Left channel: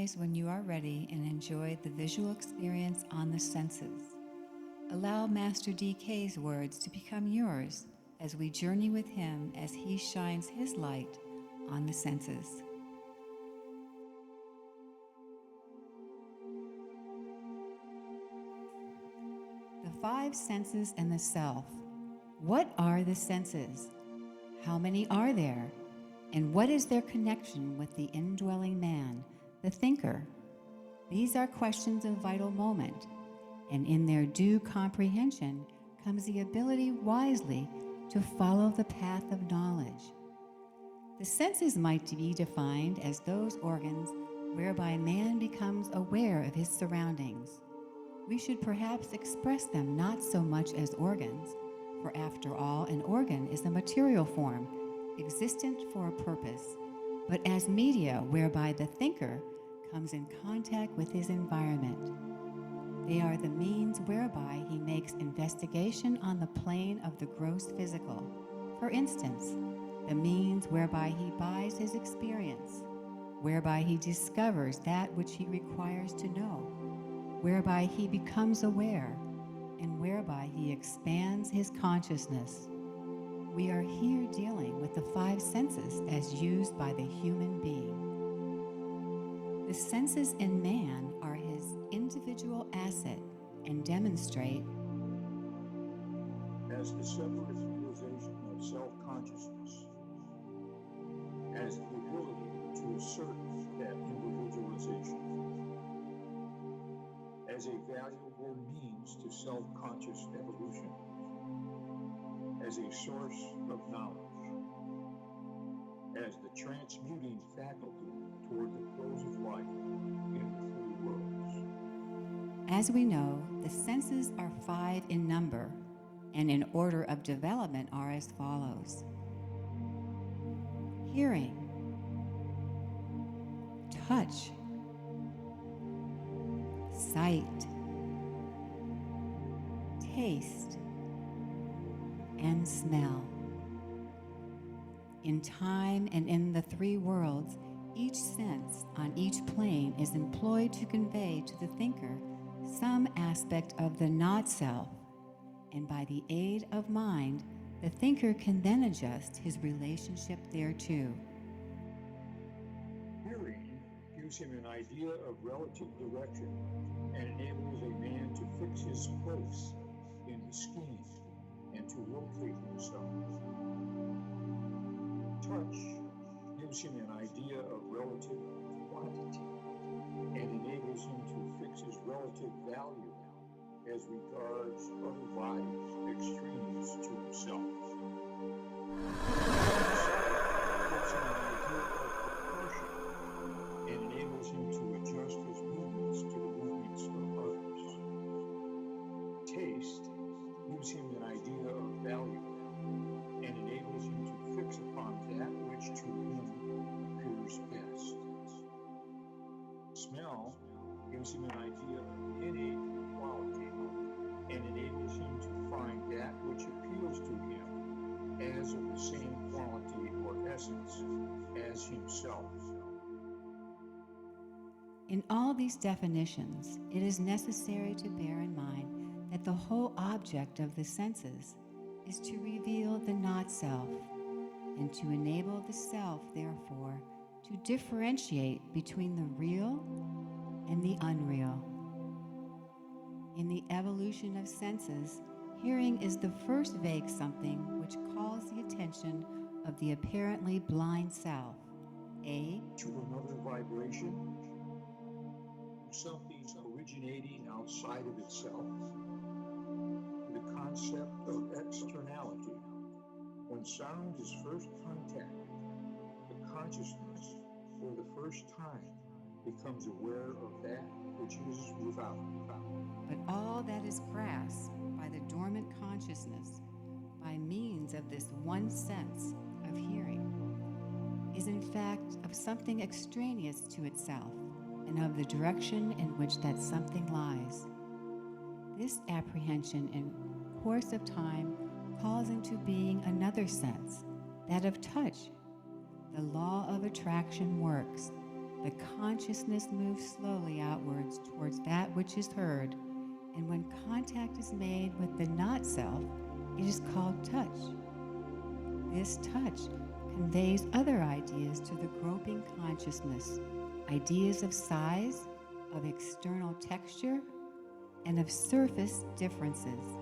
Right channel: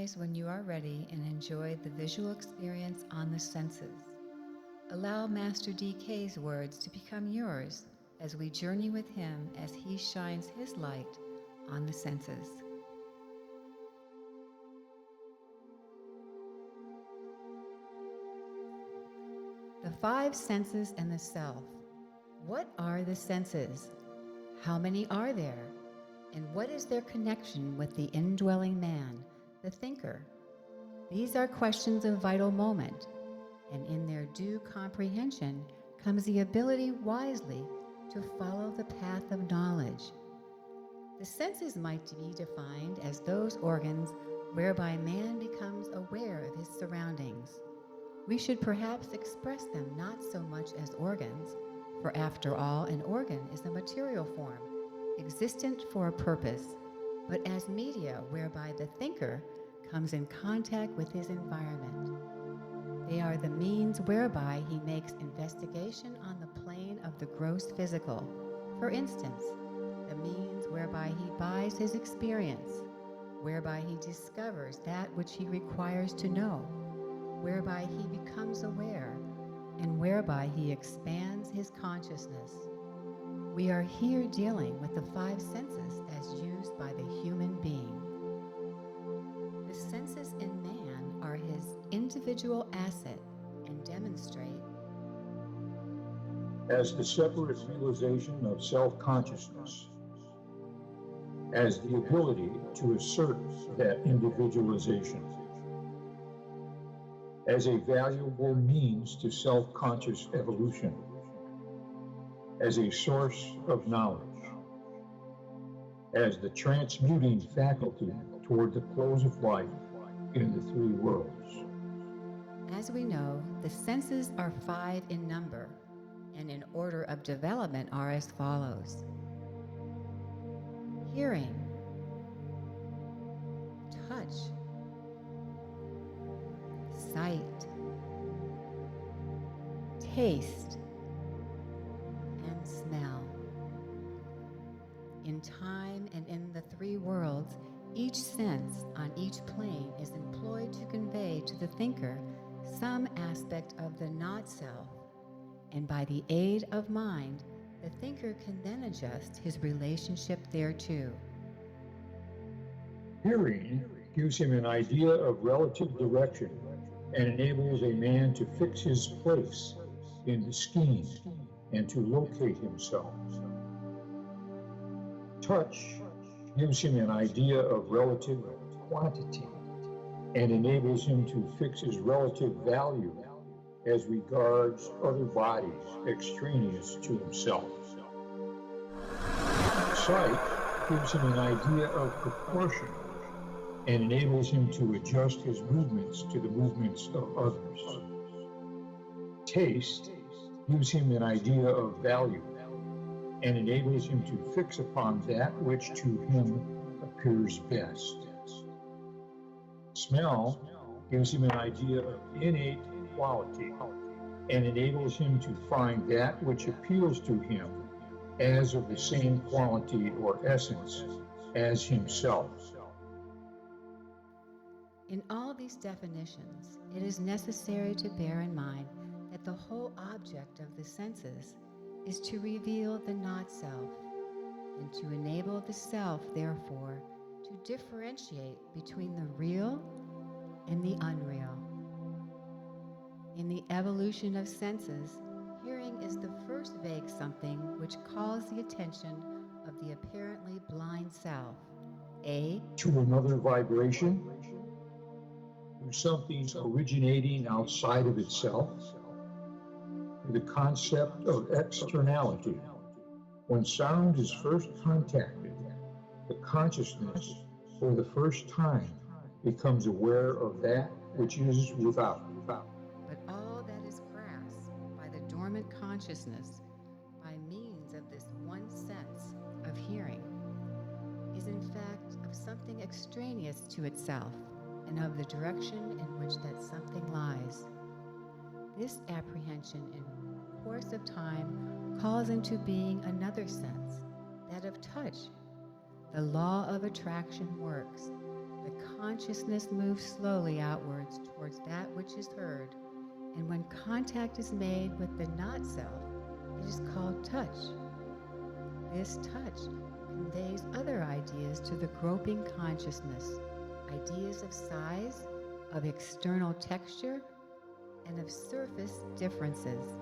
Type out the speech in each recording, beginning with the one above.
eyes when you are ready and enjoy the visual experience on the senses. Allow Master DK's words to become yours as we journey with him as he shines his light on the senses. The five senses and the self. What are the senses? How many are there? And what is their connection with the indwelling man, the thinker? These are questions of vital moment, and in their due comprehension comes the ability wisely to follow the path of knowledge. The senses might be defined as those organs whereby man becomes aware of his surroundings. We should perhaps express them not so much as organs, for after all, an organ is a material form, existent for a purpose, but as media whereby the thinker comes in contact with his environment. They are the means whereby he makes investigation on the plane of the gross physical. For instance, the means whereby he buys his experience, whereby he discovers that which he requires to know, whereby he becomes aware, and whereby he expands his consciousness. We are here dealing with the five senses as used by the human being. The senses in man are his individual asset and demonstrate as the separate realization of self-consciousness, as the ability to assert that individualization, as a valuable means to self-conscious evolution, as a source of knowledge, as the transmuting faculty toward the close of life in the three worlds. As we know, the senses are five in number, and in order of development are as follows: hearing, touch, sight, taste, and smell. In time and in the three worlds, each sense on each plane is employed to convey to the thinker some aspect of the not-self, and by the aid of mind, the thinker can then adjust his relationship thereto. Hearing gives him an idea of relative direction and enables a man to fix his place in the scheme and to locate himself. Touch gives him an idea of relative quantity and enables him to fix his relative value as regards other bodies extraneous to himself. Sight gives him an idea of proportion and enables him to adjust his movements to the movements of others. Taste gives him an idea of value and enables him to fix upon that which to him appears best. Smell gives him an idea of innate quality and enables him to find that which appeals to him as of the same quality or essence as himself. In all these definitions, it is necessary to bear in mind that the whole object of the senses is to reveal the not-self, and to enable the self, therefore, to differentiate between the real and the unreal. In the evolution of senses, hearing is the first vague something which calls the attention of the apparently blind self, to another vibration, to something originating outside of itself, to the concept of externality. When sound is first contacted, the consciousness, for the first time, becomes aware of that which is without. But all that is grasped by the dormant consciousness by means of this one sense of hearing is in fact of something extraneous to itself and of the direction in which that something lies. This apprehension in course of time calls into being another sense, that of touch. The law of attraction works. The consciousness moves slowly outwards towards that which is heard, and when contact is made with the not self, it is called touch. This touch conveys other ideas to the groping consciousness, ideas of size, of external texture, and of surface differences.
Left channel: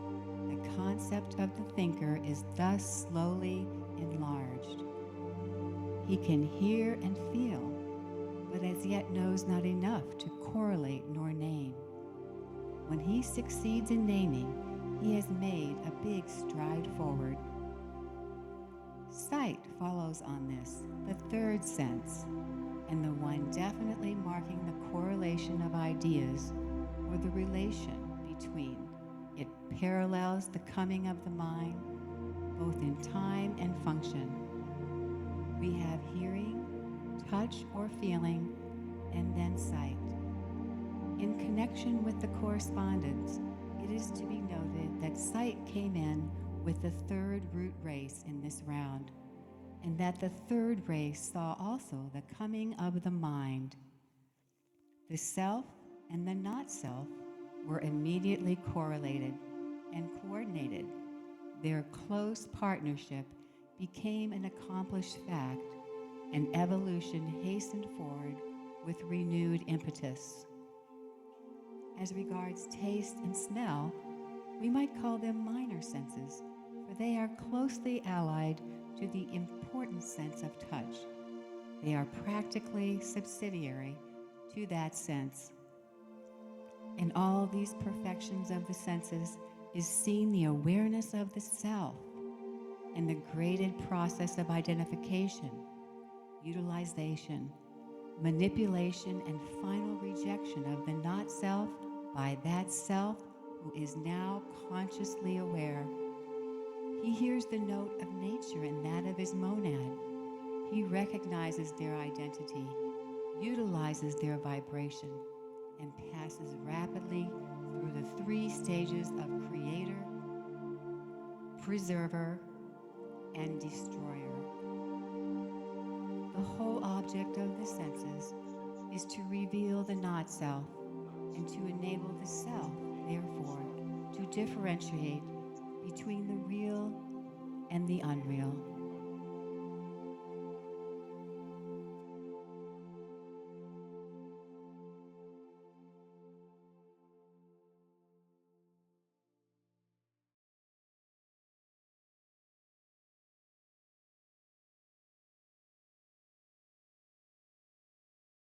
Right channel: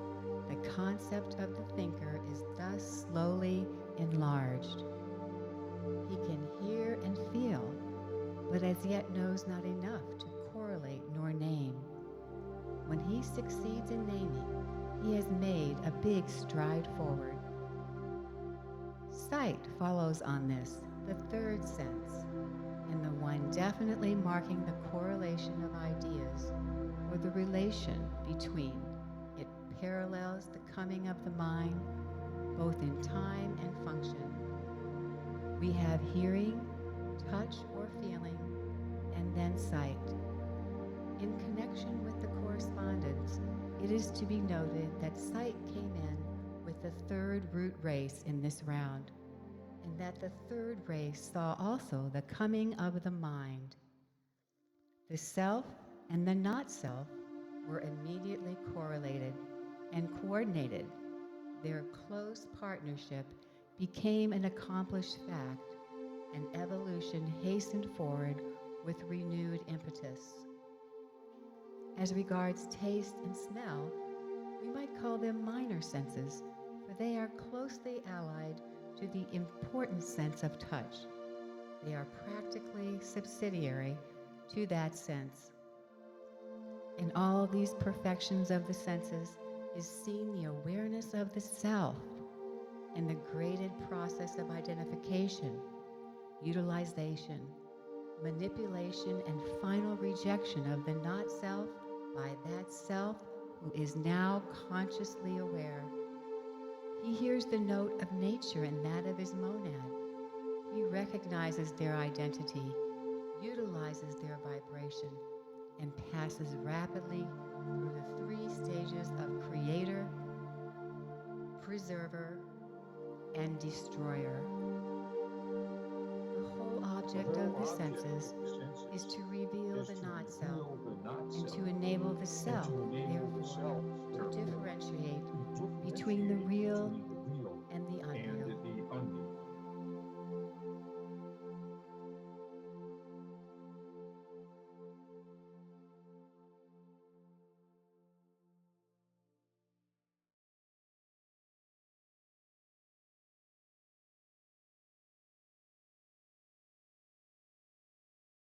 The concept of the thinker is thus slowly enlarged. He can hear and feel, but as yet knows not enough to correlate nor name. When he succeeds in naming, he has made a big stride forward. Sight follows on this, the third sense, and the one definitely marking the correlation of ideas or the relation between. It parallels the coming of the mind, both in time and function. We have hearing, touch or feeling, and then sight. In connection with the correspondence, it is to be noted that sight came in with the third root race in this round, and that the third race saw also the coming of the mind. The self and the not self were immediately correlated and coordinated. Their close partnership became an accomplished fact, and evolution hastened forward with renewed impetus. As regards taste and smell, we might call them minor senses, for they are closely allied to the important sense of touch. They are practically subsidiary to that sense. In all these perfections of the senses is seen the awareness of the self and the graded process of identification, utilization, manipulation, and final rejection of the not self by that self who is now consciously aware. He hears the note of nature and that of his monad. He recognizes their identity, utilizes their vibration, and passes rapidly through the three stages of creator, preserver, and destroyer. The whole object of the senses is to reveal the not self and to enable the self, therefore, to differentiate between the real and the unreal.